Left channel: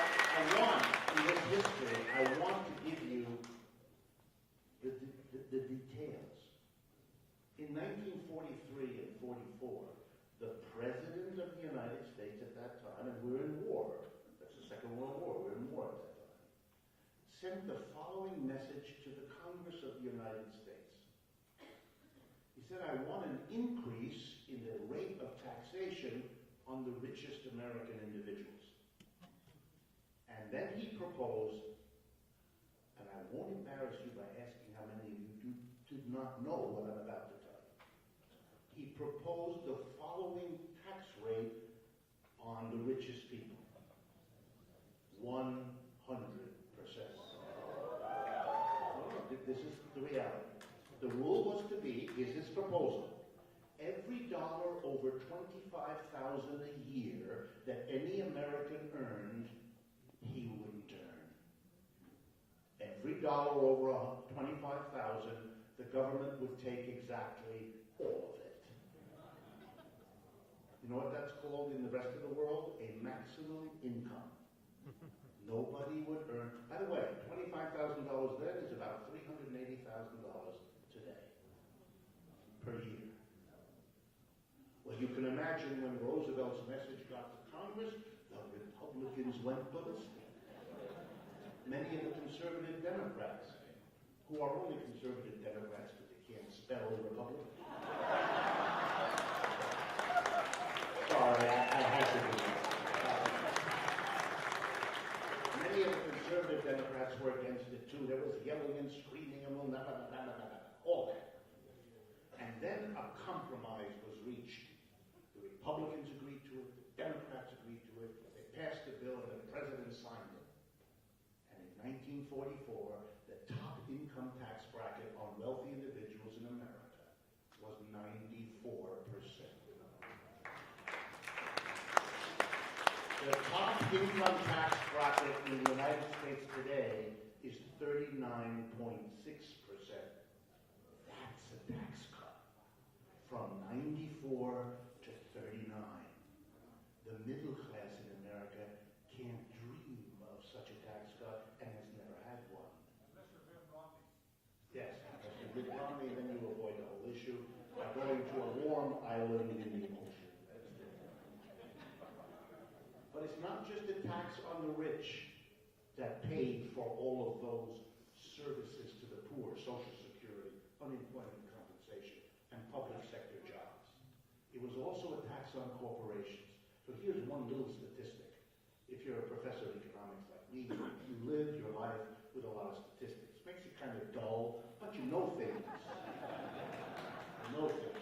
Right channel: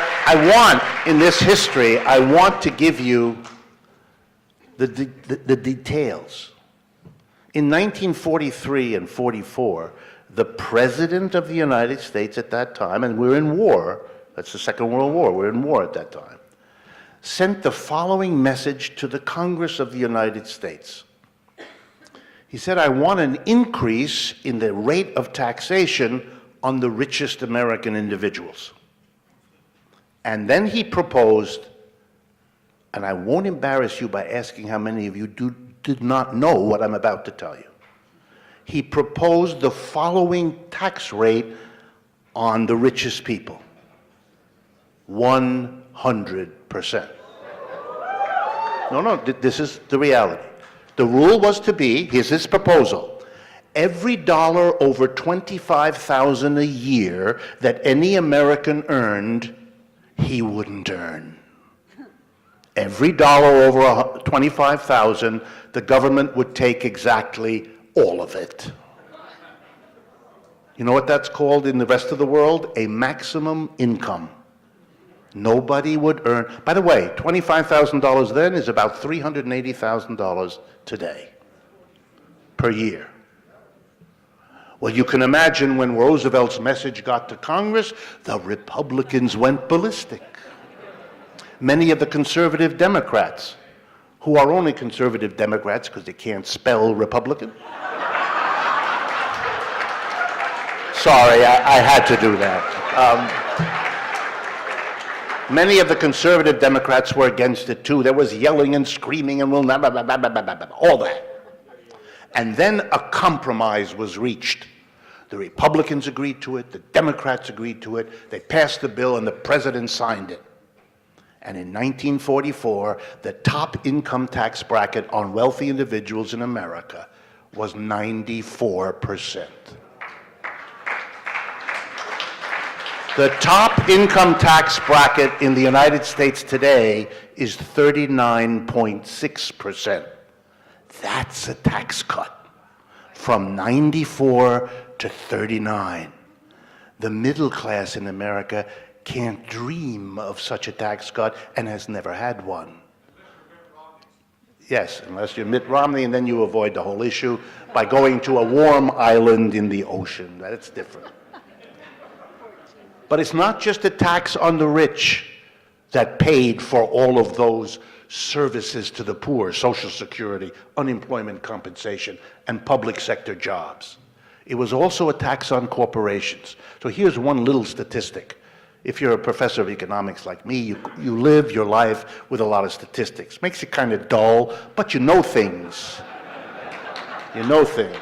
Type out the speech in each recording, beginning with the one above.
In this history, I want to give you the details. In 1943 and 44, the President of the United States at that time, and we're in war, that's the Second World War, we're in war at that time, sent the following message to the Congress of the United States. He said, I want an increase in the rate of taxation on the richest American individuals. And then he proposed, and I won't embarrass you by asking how many of you did not know what I'm about to tell you. He proposed the following tax rate on the richest people: 100%. No, this is the reality. The rule was to be, here's his proposal: every dollar over $25,000 a year that any American earned, he wouldn't earn. Every dollar over $25,000, the government would take exactly all of it. You know what that's called in the rest of the world? A maximum income. Nobody would earn. By the way, $25,000 then is about $380,000 today per year. Well, you can imagine when Roosevelt's message got to Congress, the Republicans went ballistic. Many of the conservative Democrats, who are only conservative Democrats because they can't spell Republican. Sorry, I had to do that. Many of the conservative Democrats were against it too. There was yelling and screaming and all that. And then a compromise was reached. The Republicans agreed to it, the Democrats agreed to it, they passed the bill, and the president signed it. And in 1944, the top income tax bracket on wealthy individuals in America was 94%. The top income tax bracket in the United States today is 39.6%. That's a tax cut from 94 to 39. The middle class in America can't dream of such a tax cut and has never had one. Yes, unless you're Mitt Romney, and then you avoid the whole issue by going to a warm island in the ocean. That's different. But it's not just a tax on the rich that paid for all of those services to the poor: Social Security, unemployment compensation, and public sector jobs. It was also a tax on corporations. So here's one little statistic. If you're a professor of economics like me, you live your life with a lot of statistics. Makes it kind of dull, but you know things. You know things.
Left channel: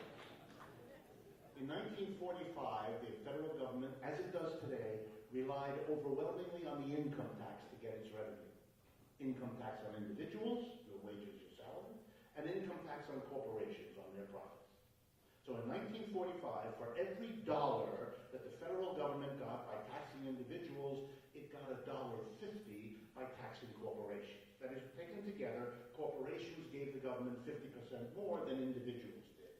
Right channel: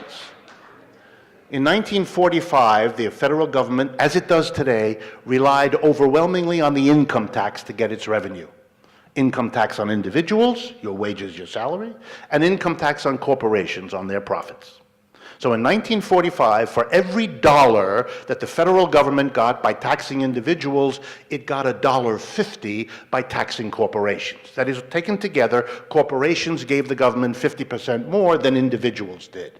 In 1945, the federal government, as it does today, relied overwhelmingly on the income tax to get its revenue. Income tax on individuals, your wages, your salary, and income tax on corporations on their profits. So in 1945, for every dollar that the federal government got by taxing individuals, it got $1.50 by taxing corporations. That is, taken together, corporations gave the government 50% more than individuals did.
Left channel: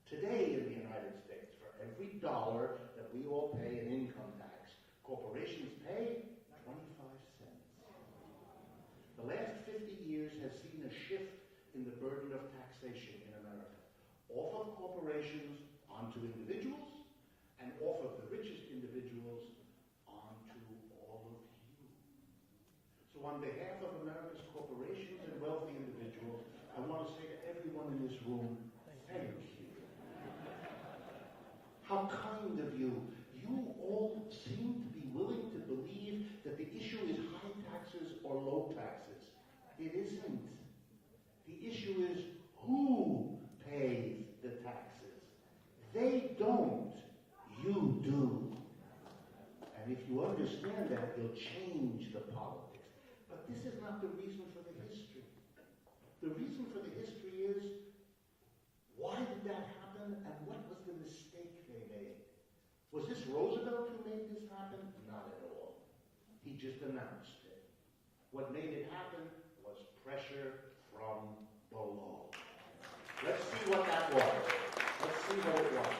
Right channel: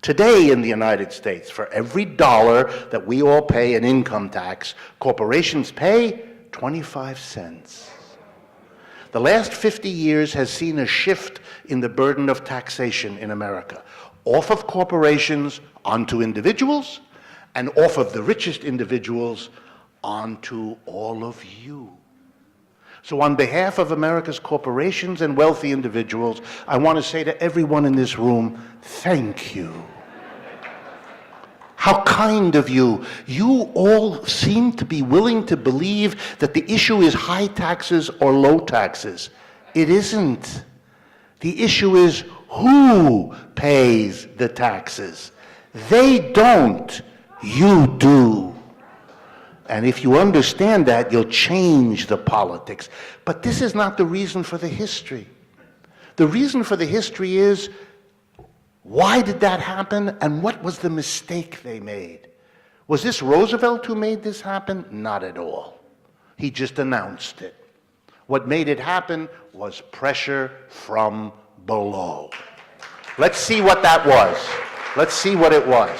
Today in the United States, for every dollar that we all pay in income tax, corporations pay 25 cents. The last 50 years has seen a shift in the burden of taxation in America, off of corporations onto individuals, and off of the richest individuals onto all of you. So on behalf of America's corporations and wealthy individuals, I want to say to everyone in this room, thank you. How kind of you. You all seem to be willing to believe that the issue is high taxes or low taxes. It isn't. The issue is who pays the taxes. They don't. You do. And if you understand that, you'll change the politics. But this is not the reason for the history. The reason for the history is, why did that happen, and what was the mistake they made? Was this Roosevelt who made this happen? Not at all. He just announced it. What made it happen was pressure from below. Let's see what that was. Let's see what it was.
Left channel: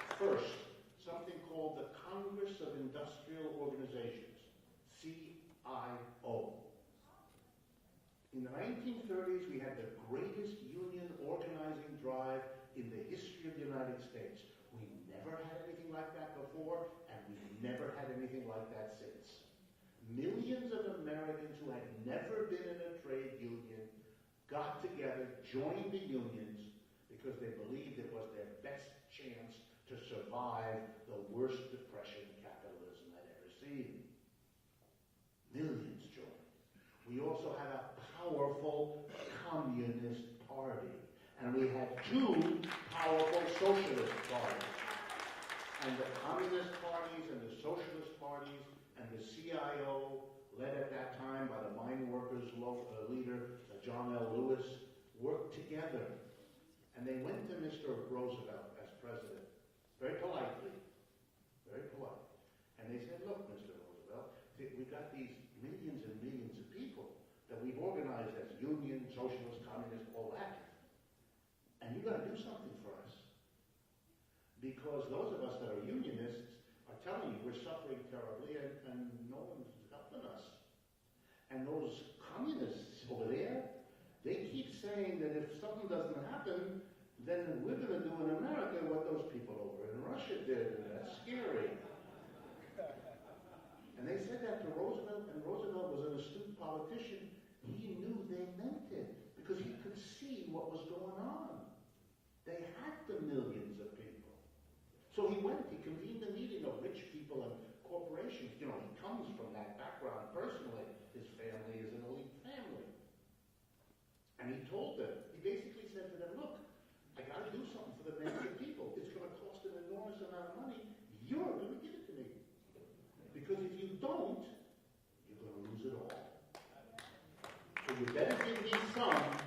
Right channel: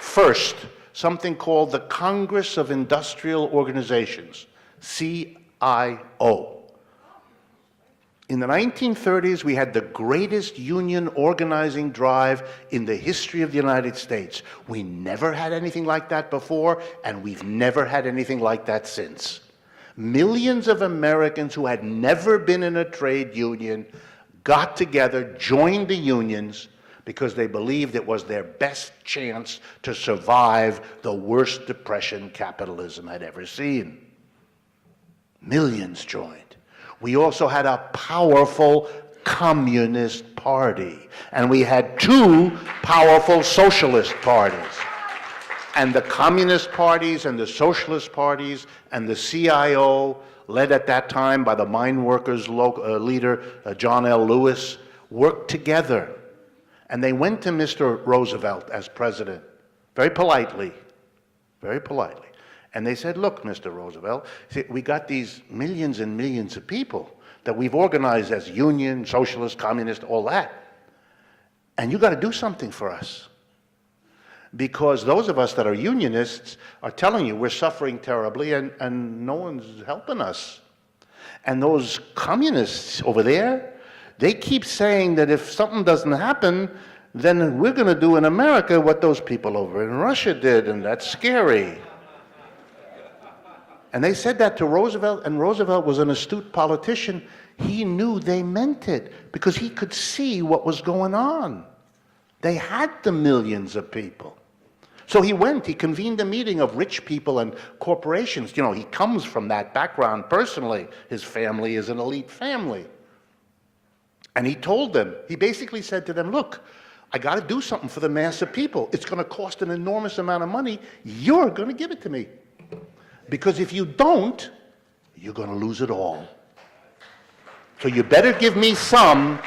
First, something called the Congress of Industrial Organizations, CIO. In the 1930s, we had the greatest union organizing drive in the history of the United States. We never had anything like that before, and we've never had anything like that since. Millions of Americans who had never been in a trade union got together, joined the unions, because they believed it was their best chance to survive the worst depression capitalism had ever seen. Millions joined. We also had a powerful communist party, and we had two powerful socialist parties. And the communist parties and the socialist parties and the CIO, led at that time by the mine workers leader, John L. Lewis, worked together. And they went to Mr. Roosevelt as president, very politely, and they said, look, Mr. Roosevelt, we got these millions and millions of people that we've organized as union, socialist, communist, all that. And you got to do something for us. Because those of us that are unionists are telling you we're suffering terribly and no one's helping us. And those communists over there, they keep saying that if something doesn't happen, then we're going to do in America what those people over in Russia did, and that's scary. And they said that to Roosevelt, and Roosevelt was an astute politician. He knew they meant it because he could see what was going on. They had the millions of people. So he went, he convened a meeting of rich people and corporations. You know, he comes from that background personally. His family is an elite family. And he told them, he basically said to them, look, I got to do something for the mass of people. It's going to cost an enormous amount of money. You're going to give it to me. Because if you don't, you're going to lose it all. So you better give me some,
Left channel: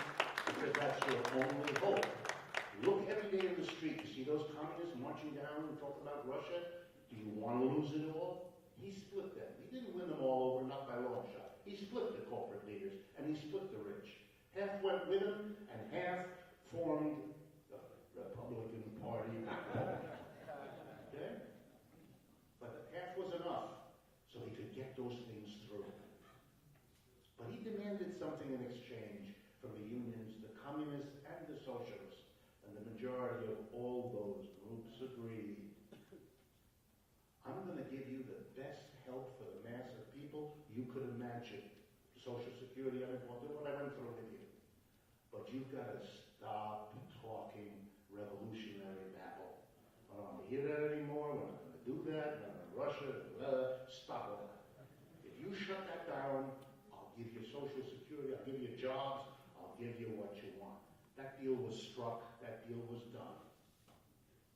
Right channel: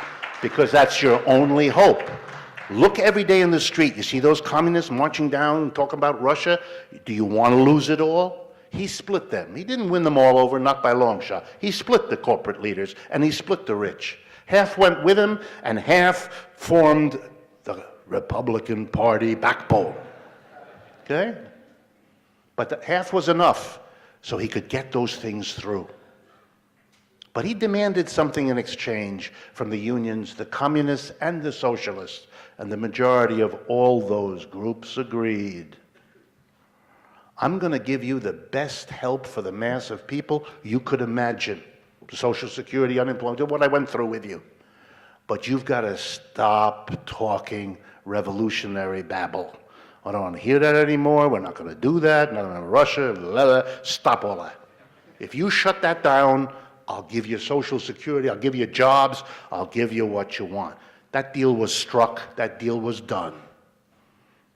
because that's your only hope. Look every day in the street. You see those communists marching down and talking about Russia? Do you want to lose it all? He split them. He didn't win them all over, not by a long shot. He split the corporate leaders, and he split the rich. Half went with him, and half formed the Republican Party backbone. Okay? But the half was enough so he could get those things through. But he demanded something in exchange from the unions, the communists and the socialists, and the majority of all those groups agreed. I'm going to give you the best help for the mass of people you could imagine. Social Security, unemployment, what I went through with you. But you've got to stop talking revolutionary babble. I don't want to hear that anymore. We're not going to do that. Not in Russia. Blah, blah. Stop all that. If you shut that down, I'll give you Social Security. I'll give you jobs. I'll give you what you want. That deal was struck. That deal was done.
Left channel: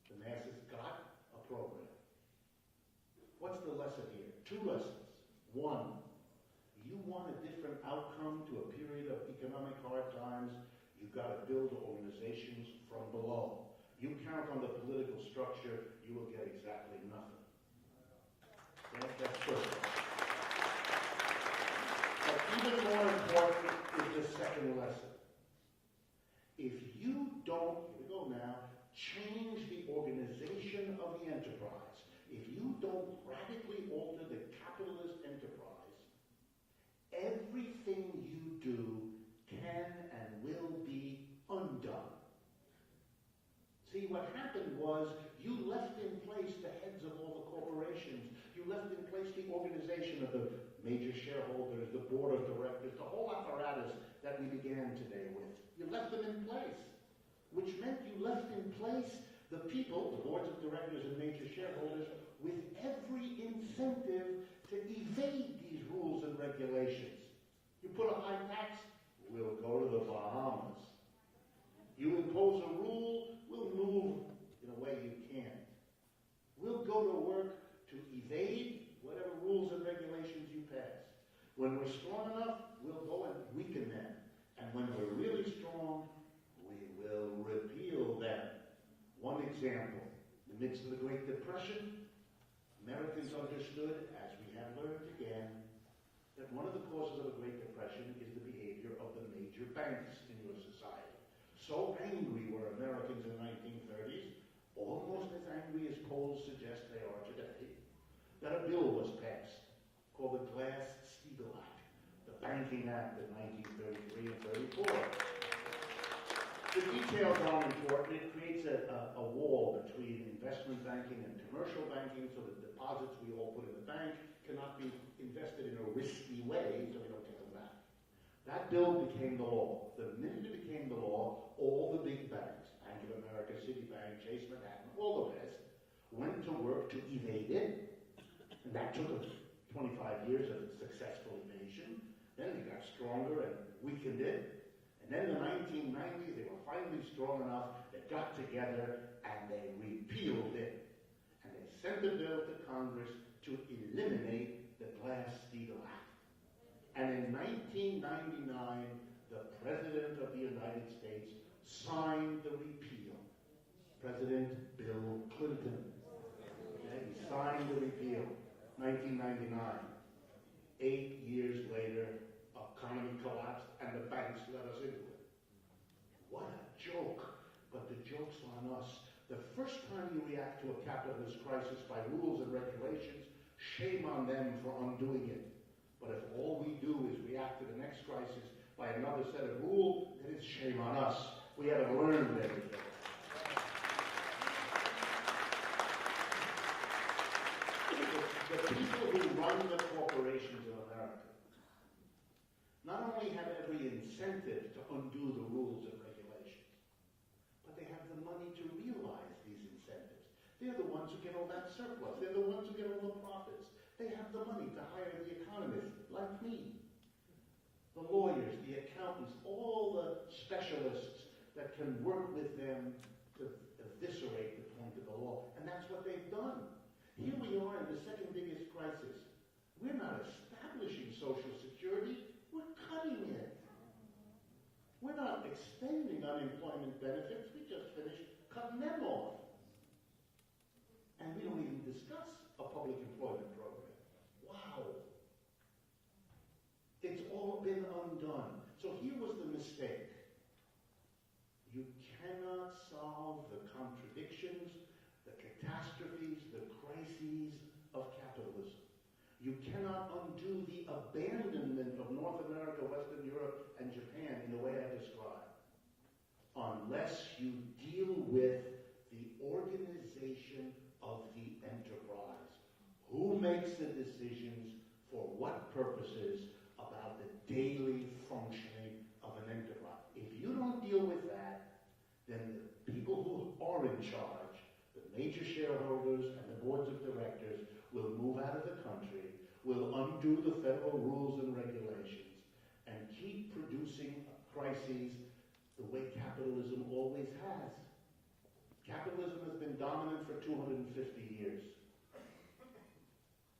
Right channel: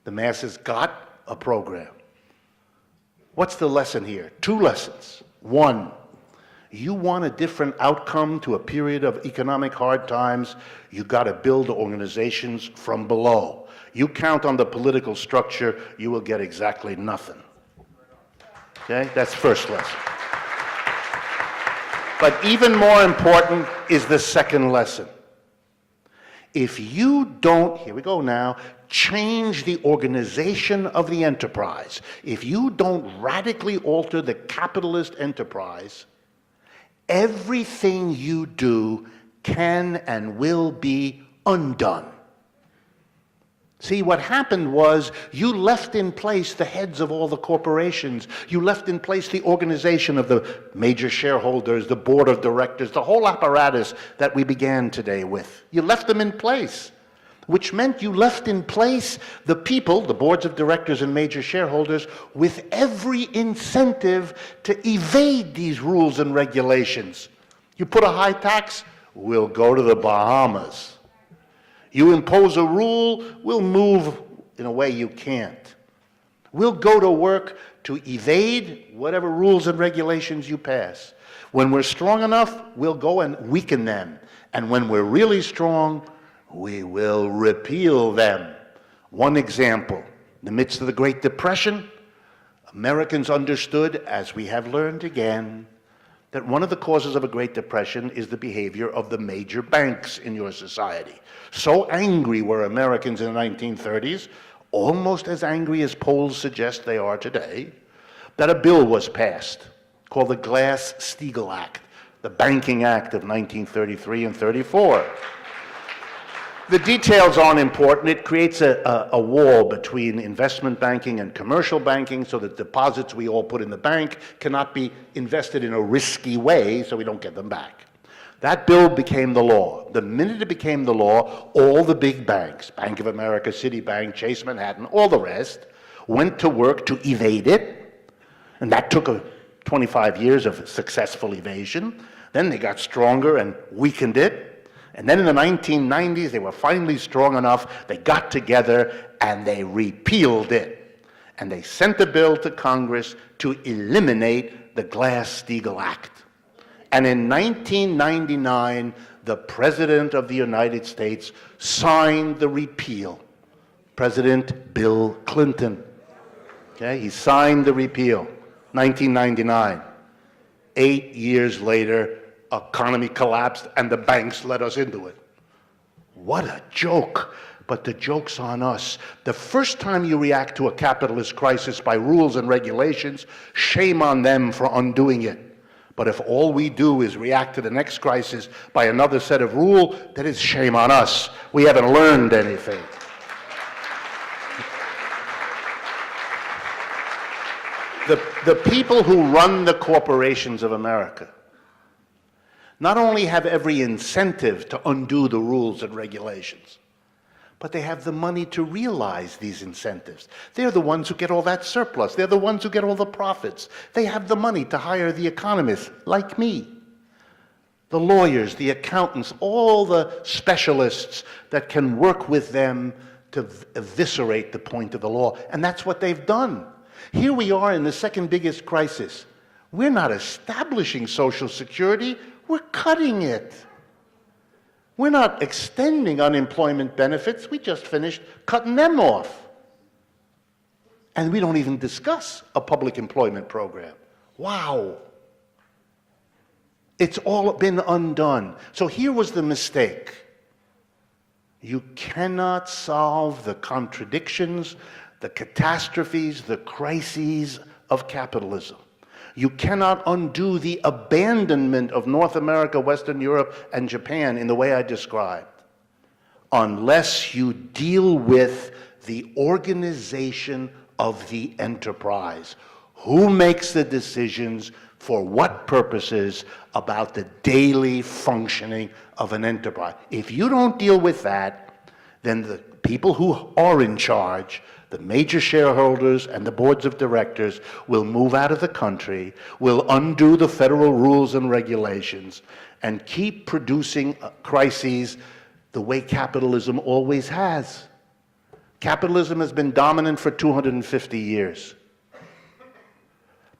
The masses got a program. What's the lesson here? Two lessons. One, you want a different outcome to a period of economic hard times, you got to build organizations from below. You count on the political structure, you will get exactly nothing. Okay? That's first lesson. But even more important is the second lesson. If you don't, here we go now, change the organization of the enterprise, if you don't radically alter the capitalist enterprise, everything you do can and will be undone. See, what happened was you left in place the heads of all the corporations. You left in place the organization of the major shareholders, the board of directors, the whole apparatus that we began today with. You left them in place, which meant you left in place the people, the boards of directors and major shareholders, with every incentive to evade these rules and regulations. You put a high tax, we'll go to the Bahamas. You impose a rule, we'll move in a way you can't. We'll go to work to evade whatever rules and regulations you pass. When we're strong enough, we'll go and weaken them. And when we're really strong, we will repeal them. One example, in the midst of the Great Depression, Americans understood, as we have learned again, that one of the causes of a Great Depression is the behavior of the major banks in your society. So angry were Americans in the 1930s, almost as angry as polls suggest they are today, that a bill was passed called the Glass-Steagall Act, the Banking Act of 1933 and 34. The details aren't important. It creates a wall between investment banking and commercial banking so that deposits we all put in the bank cannot be invested in a risky way so we don't get them back. That bill became the law. The minute it became the law, all the big banks, Bank of America, Citibank, Chase Manhattan, all the rest, went to work to evade it, and that took 25 years of successful evasion. Then they got stronger and weakened it. And then in the 1990s, they were finally strong enough, they got together and they repealed it. And they sent a bill to Congress to eliminate the Glass-Steagall Act. And in 1999, the President of the United States signed the repeal. President Bill Clinton. Okay, he signed the repeal, 1999. 8 years later, economy collapsed and the banks let us into it. What a joke. But the joke's on us. The first time you react to a capitalist crisis by rules and regulations, shame on them for undoing it. But if all we do is react to the next crisis by another set of rules, then it's shame on us. We haven't learned anything. The people who run the corporations of America not only have every incentive to undo the rules and regulations, but they have the money to realize these incentives. They're the ones who get all that surplus. They're the ones who get all the profits. They have the money to hire the economists, like me, the lawyers, the accountants, all the specialists that can work with them to eviscerate the point of the law. And that's what they've done. Here we are in the second biggest crisis. We're not establishing Social Security, we're cutting it. We're not extending unemployment benefits, we just finished cutting them off. And we don't even discuss a public employment program. Wow. It's all been undone. So here was the mistake. You cannot solve the contradictions, the catastrophes, the crises of capitalism. You cannot undo the abandonment of North America, Western Europe, and Japan in the way I described, unless you deal with the organization of the enterprise. Who makes the decisions for what purposes about the daily functioning of an enterprise? If you don't deal with that, then the people who are in charge, the major shareholders and the boards of directors, will move out of the country, will undo the federal rules and regulations, and keep producing crises the way capitalism always has. Capitalism has been dominant for 250 years.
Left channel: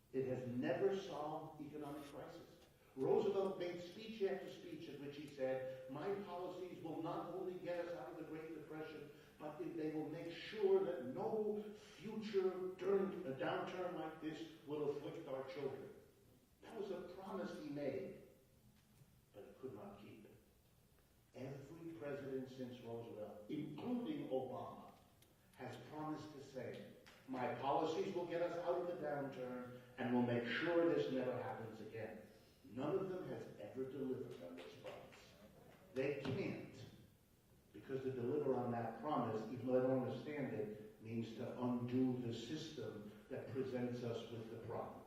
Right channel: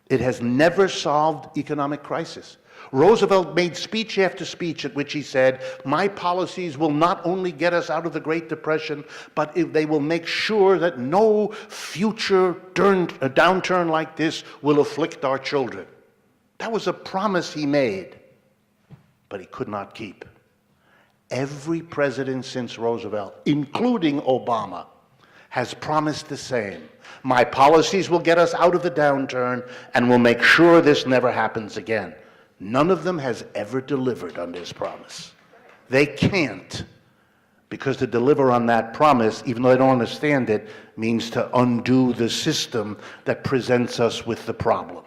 It has never solved economic crisis. Roosevelt made speech after speech at which he said, my policies will not only get us out of the Great Depression, but they will make sure that no future downturn like this will afflict our children. That was a promise he made, but he could not keep. Every president since Roosevelt, including Obama, has promised the same. My policies will get us out of the downturn and will make sure this never happens again. None of them has ever delivered on this promise. They can't, because to deliver on that promise, even though they don't understand it, means to undo the system that presents us with the problem.